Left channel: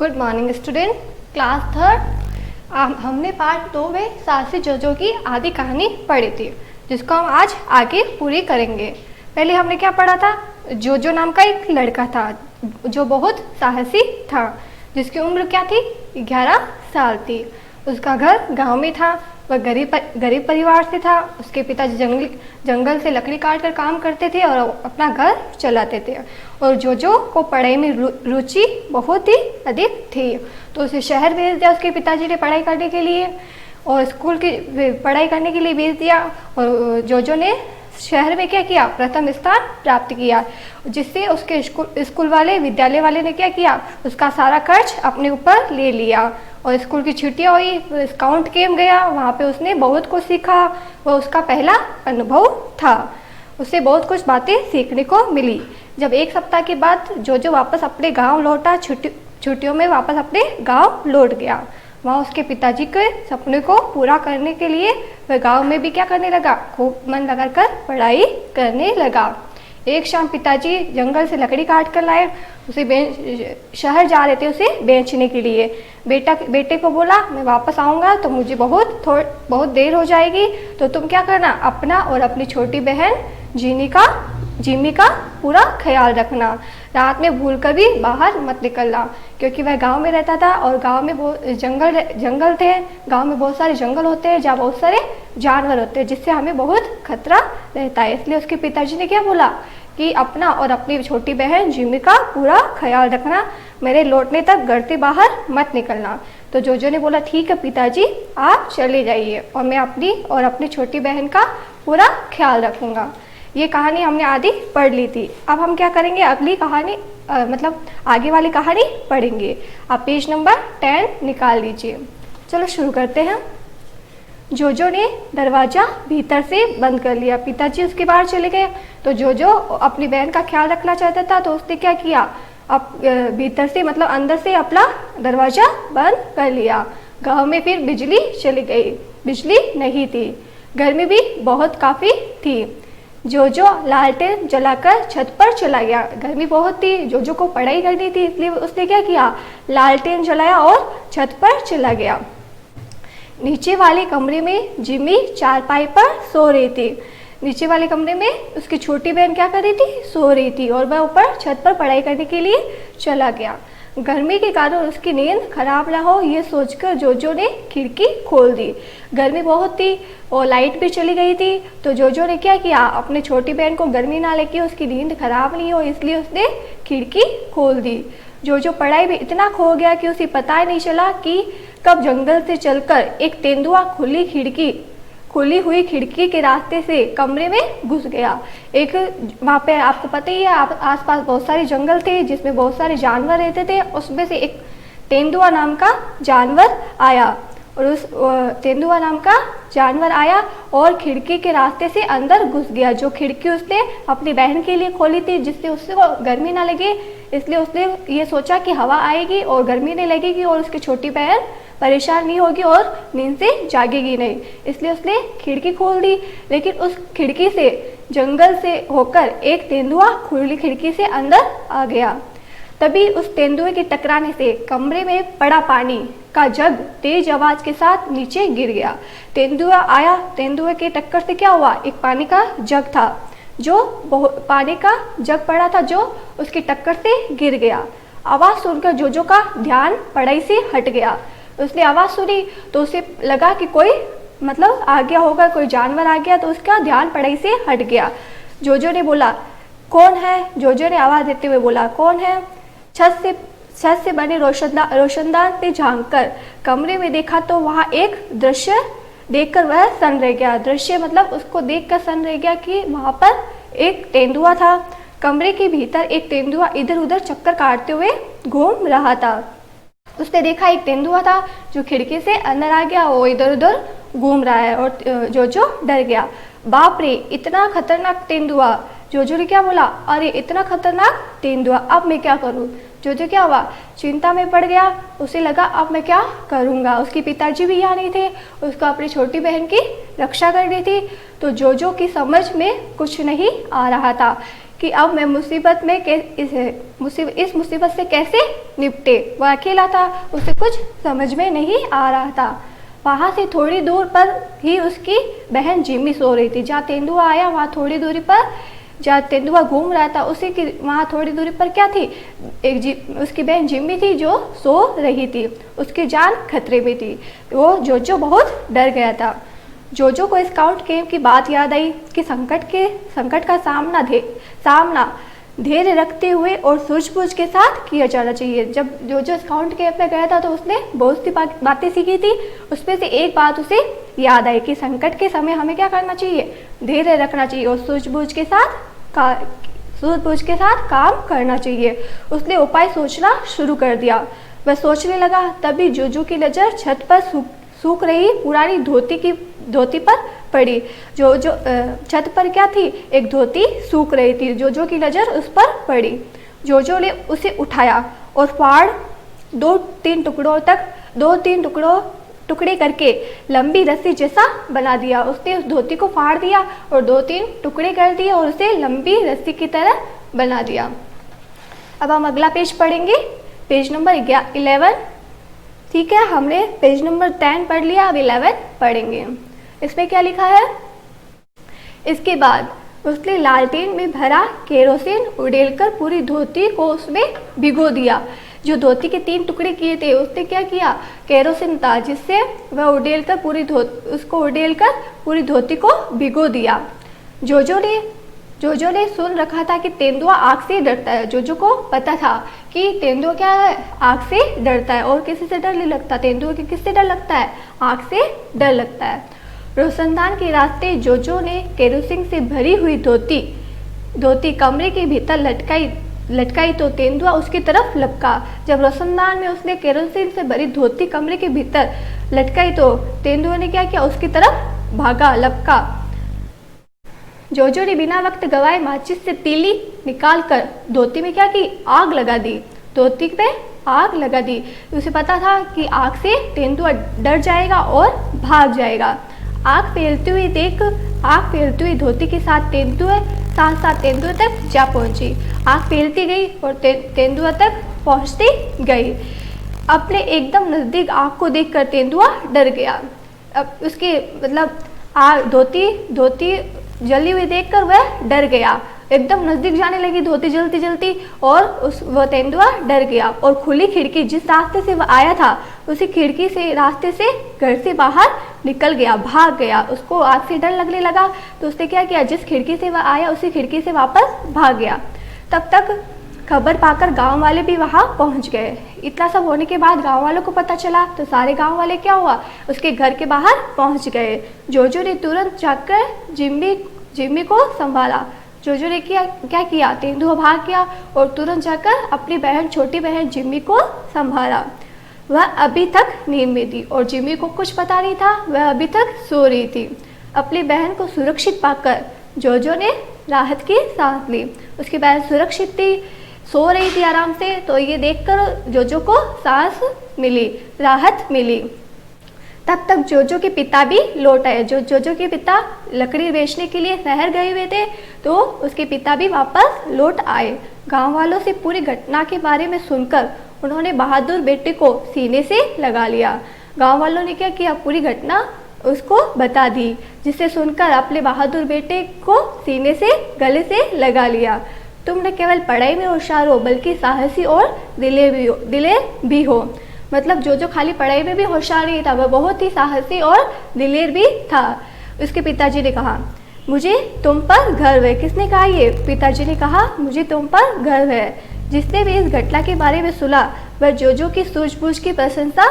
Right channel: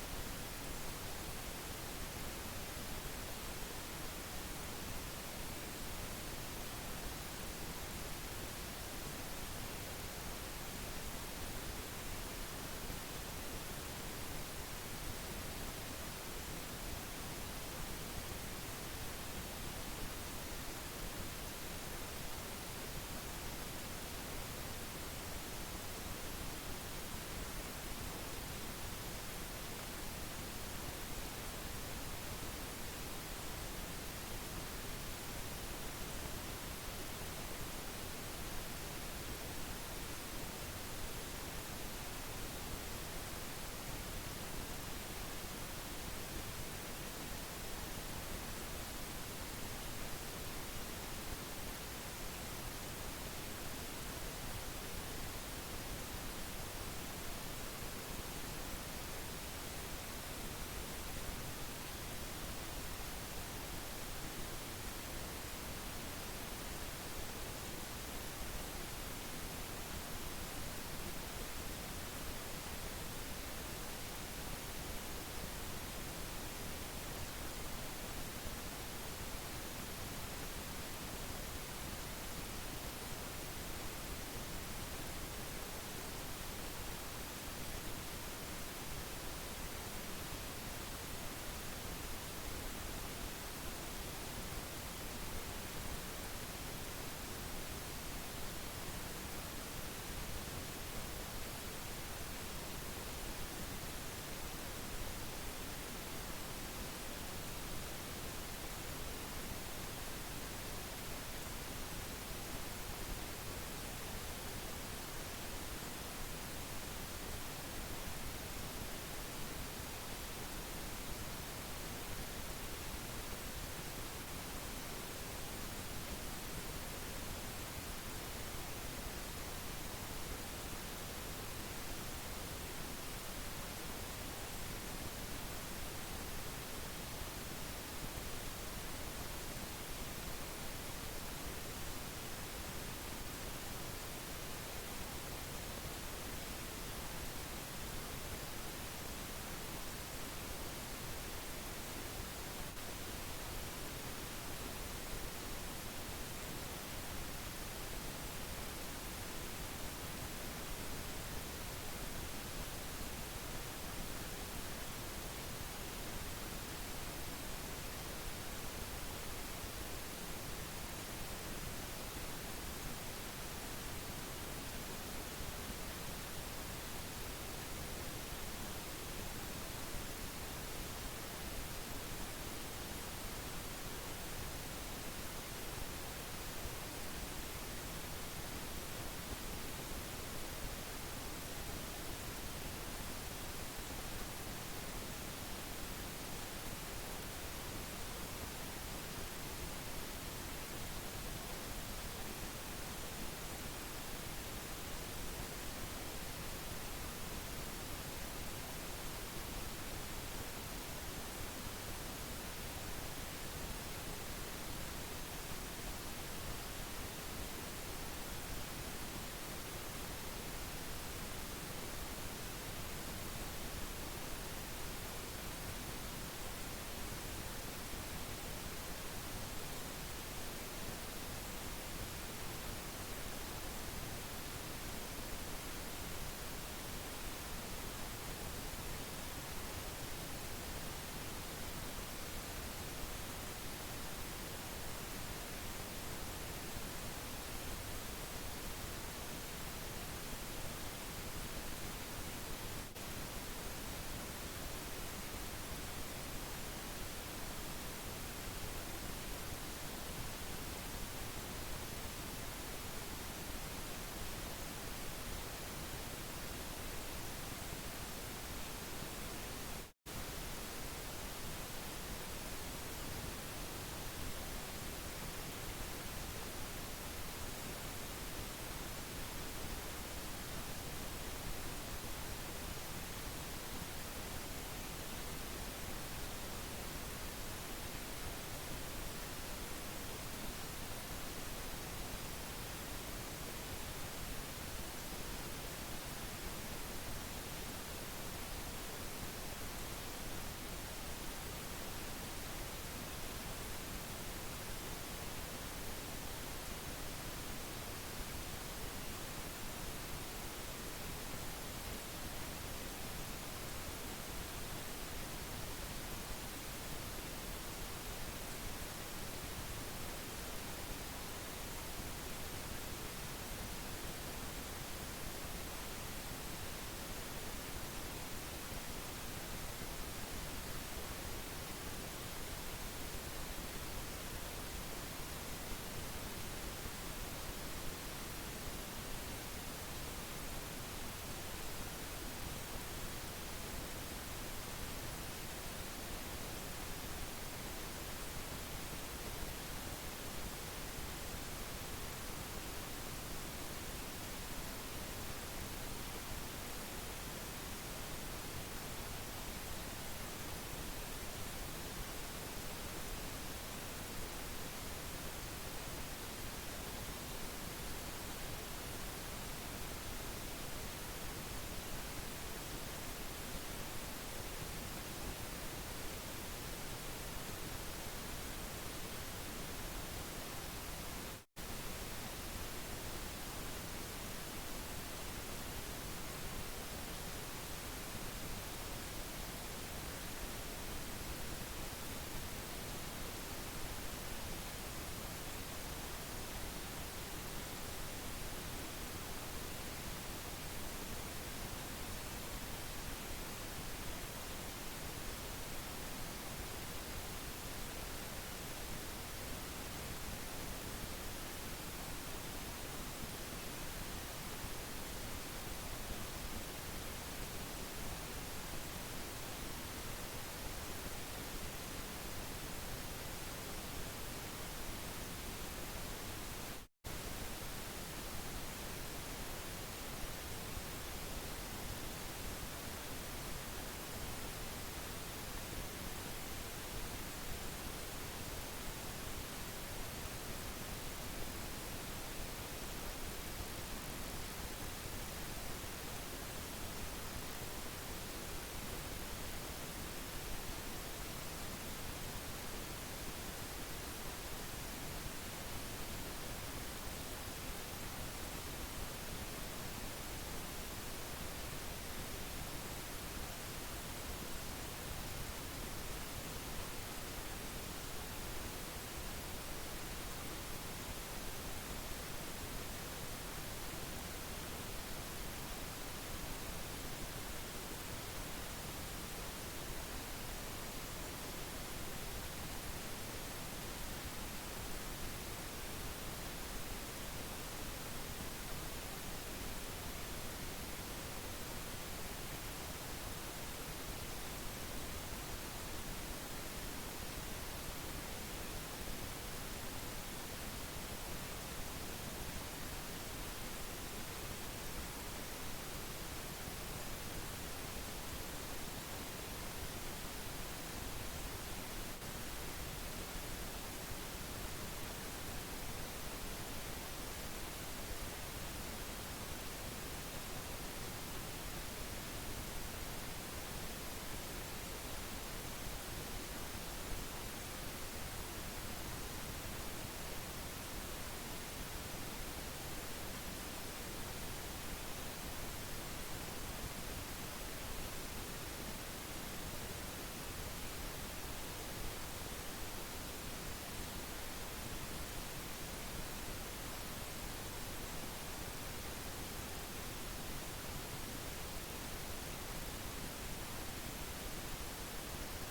Good morning student, class third. हमने part 2 में साहसी जोजो की आदि कहानी पढ़ी थी, जिसको हम आज आगे पूरी करेंगे। पहले हमने क्या पढ़ा था? जोजो नाम का एक लड़का था जो बहुत साहसी था, जिसकी उम्र क्या थी? 11 साल थी। उसका घर गांव में था। वह गरीब परिवार से था। उसके पिताजी जंगल से लकड़ी काट कर काम करते थे और अपना घर चलाते थे। और जोजो को पढ़ाई में रुचि बहुत ही अधिक थी, तो उसे शहर भेज दिया उसके पिताजी ने पढ़ाई करने के लिए, और स्कूल की पढ़ाई करने के लिए भेज दिया। और जोजो ने शहर में क्या किया? प्रथम स्थान प्राप्त किया, जिससे उसके स्कूल वाले विद्यालय वाले ने क्या किया? उसका सारा खर्च अपने ऊपर ले लिया। और स्कूल की छुट्टियां हुई, स्काउट कैंप गया, वहाँ पे उसने बहुत कुछ सीखा। वह उसका पहला अनुभव था। उसे बहुत कुछ बातें सीखने को मिली। जब एक सप्ताह के बाद जोजो वापस अपने गांव लौटा, छुट्टियों में वापस अपने गांव लौट गया। वहाँ उसके पिताजी के सपने को पूरा करने के लिए वह गांव में भी क्या करने लगा? खूब मन लगाकर पढ़ाई करने लगा। एक शाम पिताजी जंगल से लकड़ी काट कर लाए। शहर जा रहे थे उसे बेचने के लिए। बेटे को बोला, मैं वापस आऊँगा तो मुझे बहुत देर हो जाएगी, तो तुम क्या करना? अपना और अपनी छोटी बहन जिमी का पूरा ख्याल रखना। रात में भूल कर भी बाहर मत निकलना, क्योंकि वह गांव में रहता था और गांव में बहुत जंगल थे। गांव में बहुत सारे जंगल होते हैं जहाँ बहुत सारे जानवर होते हैं, जिससे हमें बहुत खतरा रहता है। इसलिए उसके पिताजी ने क्या बोला कि अपना और अपनी छोटी बहन जिमी का पूरा ख्याल रखना, मेरे लौटने तक घर से बाहर मत निकलना। तो जोजो ने बोला, ठीक है पिताजी, आप चले जाइए और मैं अपनी और अपनी छोटी बहन का पूरा ख्याल रखूँगा। ये कहानी हमने आधी पढ़ ली थी। अब हम क्या करेंगे? अगली कहानी मतलब आगे वाली कहानी पढ़ेंगे। आप पेज नंबर 10 निकाल लीजिए। चलो शुरू करते हैं। जोजो ने दरवाज़ा भीतर से बंद कर लिया। पिताजी उसके बाहर चले गए, तो जोजो अपनी बहन का ख्याल रखना चाहता था, तो उसने क्या किया? अब भीतर से मतलब अंदर से अपना दरवाज़ा बंद कर लिया। गांव में फिर बिजली चली गई। बिजली नहीं थी। गर्मी भी बहुत काफ़ी थी। जोजो लालटेन जलाकर छत पर चला गया। गर्मी बहुत थी, जोजो को पढ़ाई करनी थी, इसलिए उसने क्या किया? लालटेन जलाया और छत पर चला गया। नीचे वाले कमरे में जिमी चारपाई पर सो रही थी। नीचे वाले कमरे में उसकी छोटी बहन क्या कर रही थी? सो रही थी, और वह ऊपर छत पर पढ़ाई करने के लिए चला गया। गर्मी के कारण उसकी नींद खराब ना हो, ये सोचकर जोजो ने खिड़की खोल दी। गर्मी बहुत थी और लाइट भी चली गई थी, तो जोजो ने क्या किया? अपने छोटी बहन को गर्मी ना लगे, उसकी नींद खराब नहीं हो, इसलिए उसने खिड़की खोल दी। जोजो पढ़ाई में इतना खो गया कि उसे पता ही नहीं चला कि कब जंगल से चलकर एक तेंदुआ खुली हुई खिड़की के रास्ते से कमरे में घुस गया। एक वहाँ पे आपको पता ही है, आसपास बहुत सारे जंगल थे जिसमें बहुत सारे जानवर रहते थे। उसमें से एक तेंदुआ नाम का जानवर आया, और उस तेंदुआ नाम का जानवर आया और खिड़की के रास्ते से अंदर घुस गया। जो खिड़की उसने अपनी बहन के लिए खोली थी, जिससे उससे गर्मी ना लगे, इसलिए उसने ये सोचा कि हवा आएगी और गर्मी नहीं लगेगी और उसकी छोटी बहन परेशान नहीं होगी और नींद से जागेगी नहीं, इसलिए उसने खिड़की खोल दी। लेकिन उस खिड़की से जंगल से होकर एक तेंदुआ खुली खिड़की से अंदर आ गया। तभी उस तेंदुए के टकराने से कमरे में पड़ा पानी का जग तेज आवाज के साथ नीचे गिर गया। तेंदुआ आया, तेंदुए के टक्कर से क्या हुआ? एक पानी का जग था, जो पानी का जग पड़ा था, जो उसकी टक्कर से गिर गया। आवाज़ सुनकर जोजो का ध्यान पढ़ाई से हट गया। उसने आवाज़ सुनी तो उसे लगा कि कोई मतलब आ गया होगा, कोई जानवर आ गया, तो उसका ध्यान पढ़ाई से हट गया। जोजो ने बोला, कौन है? जोजो ने आवाज़ देते हुए बोला, कौन है? छत से बने रोशनदान से झांककर कमरे में देखा तो वहाँ एक दृश्य देखकर वह सन्न रह गया। दृश्य मतलब उसको देखकर सन्न रह गया कि वहाँ पर एक तेंदुआ था। कमरे के भीतर एक तेंदुआ इधर उधर चक्कर काटते हुए घूम रहा था। उसने देखा एक तेंदुआ था जो खिड़की से अंदर आ गया, वो इधर उधर घूम रहा है, और जोजो डर गया। बाप रे, इतना खतरनाक तेंदुआ! जोजो ने क्या बोला? अरे इतना खतरनाक तेंदुआ, अब मैं क्या करूं? जोजो क्या हुआ? चिंता में पड़ गया। उसे लगा अब मैं क्या करूंगा? उसके पिताजी भी यहाँ नहीं थे, उसको अपनी छोटी बहन की रक्षा करनी थी। तो जोजो की समझ में कुछ नहीं आ रहा था कि अब मैं मुसीबत में इस मुसीबत से कैसे निपटे। वह अकेला था, उसे कुछ समझ में नहीं आ रहा था। वहाँ से थोड़ी दूर पर ही उसकी बहन जिम्मी सो रही थी। जहाँ तेंदुआ आया वहाँ थोड़ी दूरी पर, जहाँ तेंदुआ घूम रहा था उसी की वहाँ थोड़ी दूरी पर क्या थी, उसकी बहन जिम्मी थी जो सो रही थी। उसकी जान खतरे में थी। वो जोजो बहुत डर गया था। जोजो को स्काउट कैंप की बात याद आई कि संकट का सामना धैर्य रखते हुए और सूझबूझ के साथ किया जाना चाहिए। जब जोजो स्काउट कैंप में गया था तो उसने बहुत सी बातें सीखी थी। उसमें से एक बात उसे याद आई कि संकट के समय हमें क्या करना चाहिए, धैर्य रखना चाहिए और सूझबूझ के साथ काम करना चाहिए। उसने उपाय सोचना शुरू कर दिया। वह सोचने लगा, तभी जोजो की नज़र छत पर सूख रही पुरानी धोती पर पड़ी। जो छत पर क्या थी, एक धोती सूख रही थी। जोजो की नज़र उस पर पड़ी। जोजो ने उसे उठाया और फाड़ दो तीन टुकड़े करके लंबी रस्सी जैसा बना दिया। उसने उस धोती को फाड़ दिया और 2-3 टुकड़े कर दिए और उसे लंबी रस्सी की तरह बना दिया। अब हम अगला पेज पढ़ेंगे, पेज नंबर 11। ठीक है, हमने पेज नंबर 10 पढ़ लिया, अब 11 पढ़ेंगे। इसमें क्या लिखा है, इसके बाद उसने लालटेन में भरा केरोसिन उड़ेलकर पूरी धोती को उसमें भिगो दिया। जो धोती के 3 टुकड़े किए थे उसने क्या किया, केरोसिन था जिससे वह उड़ेलकर पूरी धोती को भिगो दिया। जोजो ने सुन रखा था कि तेंदुआ आग से डरता है। जोजो को पता था कि तेंदुआ क्या है, आग से डरता है। और किसी से डर नहीं लगता, तेंदुआ के किससे डर लगता है, आग से डर लगता है। रोशनदान के रास्ते जोजो ने केरोसिन से भरी हुई धोती कमरे के भीतर लटकाई तो तेंदुआ उसकी तरफ लपका। जब रोशनदान में उसने केरोसिन से भरी धोती कमरे के भीतर लटकाई तो तेंदुआ ने क्या किया, उसकी तरफ भागा, लपका। जोजो ने बिना वक्त गवाए माचिस से तीली निकालकर धोती में क्या की, आग लगा दी। धोती पे आग लगा दी। उसे पता था कि आग से तेंदुआ डर जाएगा और भाग जाएगा। आग फैलती हुई धोती के साथ तेंदुआ तक जा पहुंची। आग फैलती गई और तेंदुआ तक पहुंचती गई। अपने एकदम नज़दीक आग को देखकर तेंदुआ डर गया। अब उसकी धोती जली हुई देखकर वह डर गया। एकदम नज़दीक जाने लगी धोती जलती और वह तेंदुआ डर गया और खुली खिड़की, जिस रास्ते से वह आया था उसी रास्ते से घर से बाहर निकल गया, भाग गया। उसको आग से डर लगने लगा तो उसने क्या किया, जिस खिड़की से वह आया उसी खिड़की से वापस भाग गया। तब तक खबर पाकर गांव वाले भी वहां पहुंच गए। इतना सब होने के बाद गांव वालों को पता चला तो सारे गांव वाले क्या हुआ, उसके घर के बाहर पहुंच गए। जोजो ने तुरंत जाकर जिम्मी को संभाला। जोजो ने क्या किया, तेंदुआ भाग गया और तुरंत जाकर अपनी छोटी बहन जिम्मी को संभाला। वह अभी तक नींद में थी और जिम्मी को कुछ पता नहीं था, वह अभी तक सो रही थी। अपनी बहन को सुरक्षित पाकर जोजो ने राहत की सांस ली। उसकी बहन सुरक्षित थी, सो रही थी आराम से, तो ये देखकर जोजो को सांस मिली, राहत मिली। तब तक जोजो के पिता भी लौट आए। जोजो के पिता लकड़ी बेचने के लिए शहर गए हुए थे तो उसके पिता भी वापस लौट आए। गांव वालों से पूरी घटना के बारे में सुनकर उन्होंने बहादुर बेटे को सीने से लगा लिया। गांव वालों ने क्या किया, पूरी घटना उसको बता दी, जिसे सुनकर अपने बहादुर बेटे को सीने से गले से लगा लिया। तुम न केवल पढ़ाई में होशियार हो बल्कि साहसी और दिलेर भी हो। मतलब जोजो खाली पढ़ाई में भी होशियार नहीं था, वह बहुत ही साहसी और दिलेर भी था। उसके पिताजी ने कहा, मुझे तुम पर गर्व है। किसने कहा ये? पिताजी ने कहा, मुझे तुम पर गर्व है। जिसने भी इस घटना के बारे में सुना वह जोजो की सूझबूझ की प्रशंसा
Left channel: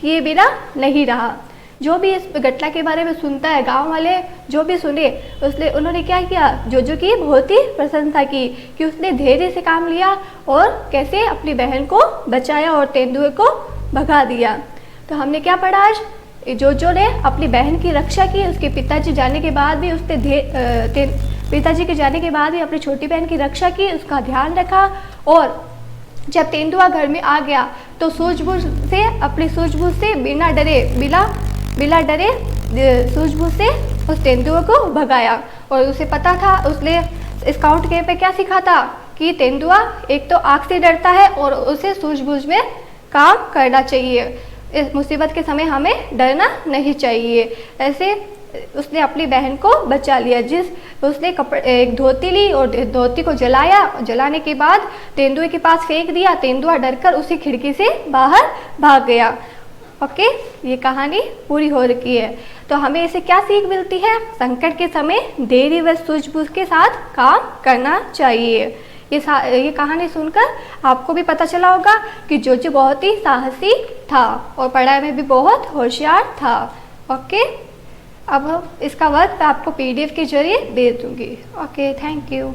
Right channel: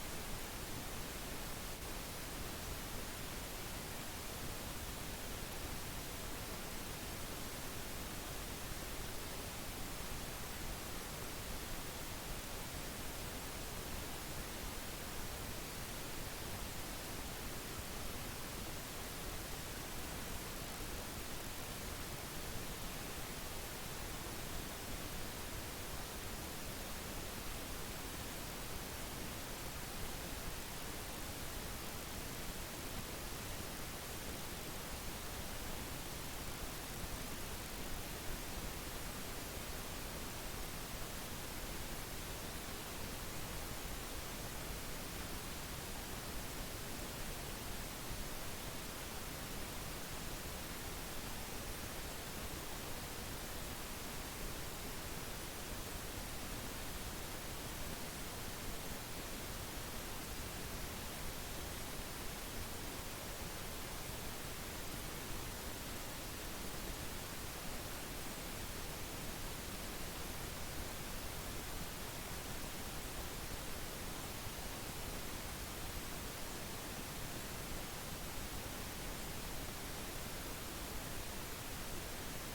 किए बिना नहीं रहा। जो भी इस घटना के बारे में सुनता है, गांव वाले जो भी सुने उन्होंने क्या किया, जोजो की बहुत ही प्रशंसा की कि उसने धैर्य से काम लिया और कैसे अपनी बहन को बचाया और तेंदुए को भगा दिया। तो हमने क्या पढ़ा आज, जोजो ने अपनी बहन की रक्षा की। उसके पिताजी जाने के बाद भी पिताजी के जाने के बाद भी अपनी छोटी बहन की रक्षा की, उसका ध्यान रखा। और जब तेंदुआ घर में आ गया तो अपनी सूझबूझ से बिना डरे सूझबूझ से उस तेंदुए को भगाया। और उसे पता था, उसने स्काउट कैंप पे क्या सीखा था कि तेंदुआ एक तो आग से डरता है और उसे सूझबूझ में काम करना चाहिए। इस मुसीबत के समय हमें डरना नहीं चाहिए। ऐसे उसने अपनी बहन को बचा लिया। उसने एक धोती ली और धोती को जलाया। जलाने के बाद तेंदुए के पास फेंक दिया। तेंदुआ डरकर उसी खिड़की से बाहर भाग गया। ओके, ये कहानी पूरी हो रही है। तो हमें इसे क्या सीख मिलती है? संकट के समय धैर्य व सूझबूझ के साथ काम करना चाहिए। ये कहानी सुनकर आपको भी पता चला होगा कि जोजो बहुत ही साहसी था और पढ़ाई में भी बहुत होशियार था। ओके, अब इसका वर्क मैं आपको PDF के जरिए दे दूँगी। Okay, thank you.